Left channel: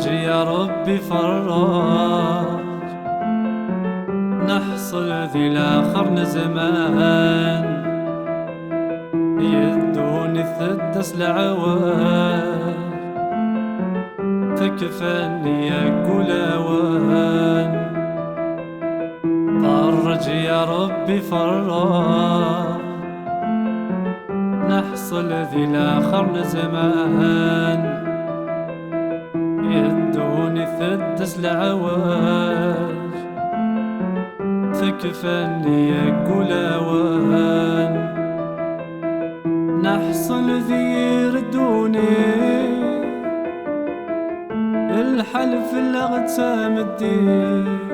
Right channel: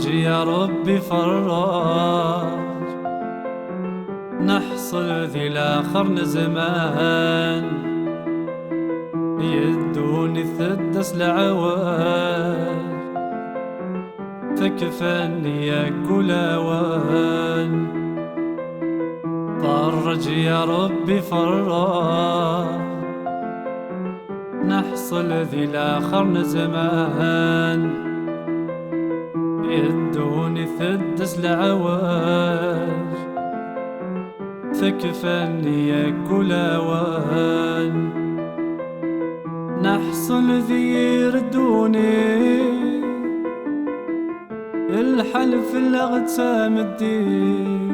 فرج يا ربي فرج، نحصل ذي الآخر نزمان، يدوني الثدس لعوان، تكفني يقول اوان. فرج يا ربي فرج، نحصل ذي الآخر نزمان، يدوني ثدس لعواج، تكفني يقول اوان. نحصل ذي يردوني الحلف الاغتسام الدين،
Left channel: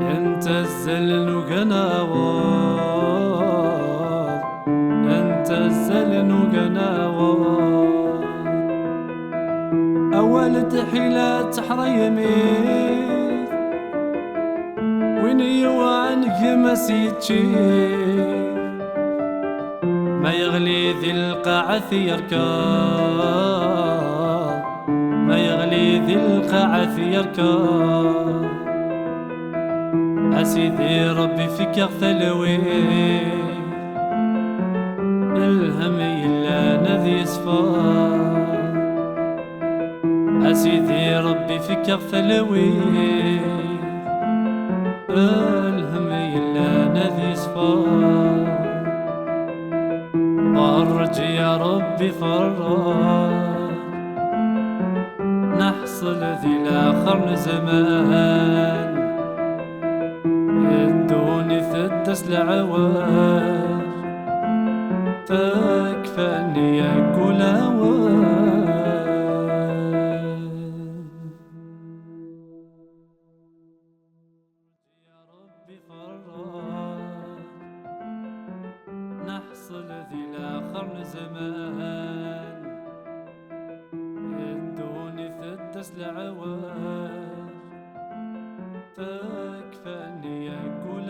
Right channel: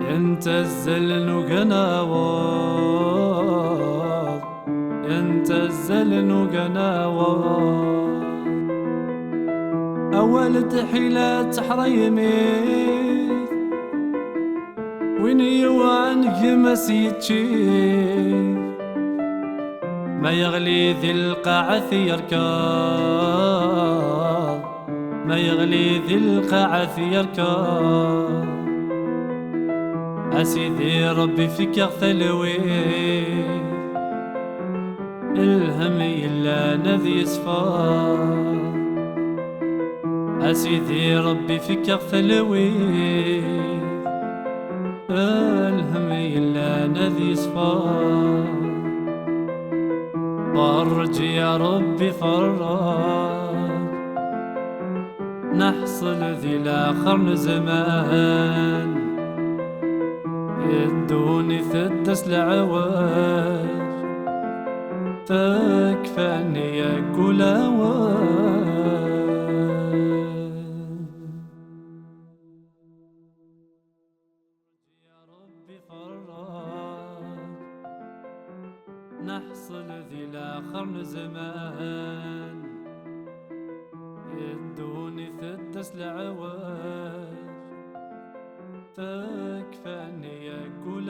ينتزل وقناوض، ينتزل وقناوض. أول تحيلات حريمي وين يوعنك مسيتشي، ما يغلي ذي القاعة يركض، ما يغلي ذي القاعة يركض. أسيدي ربي فيك يغثلوي، الهم إلا نذي يصفى. أسيدي ربي فيك يغثلوي، الهم إلا نذي يصفى. فرج يا ربي فرج، نحصل ذي الآخر نزمان، يدوني ثدس لعواج، تكفاني يقول اوان. يا ربي فرج، نحصل ذي الآخر نزمان، يدوني ثدس لعواج، تكفاني يقول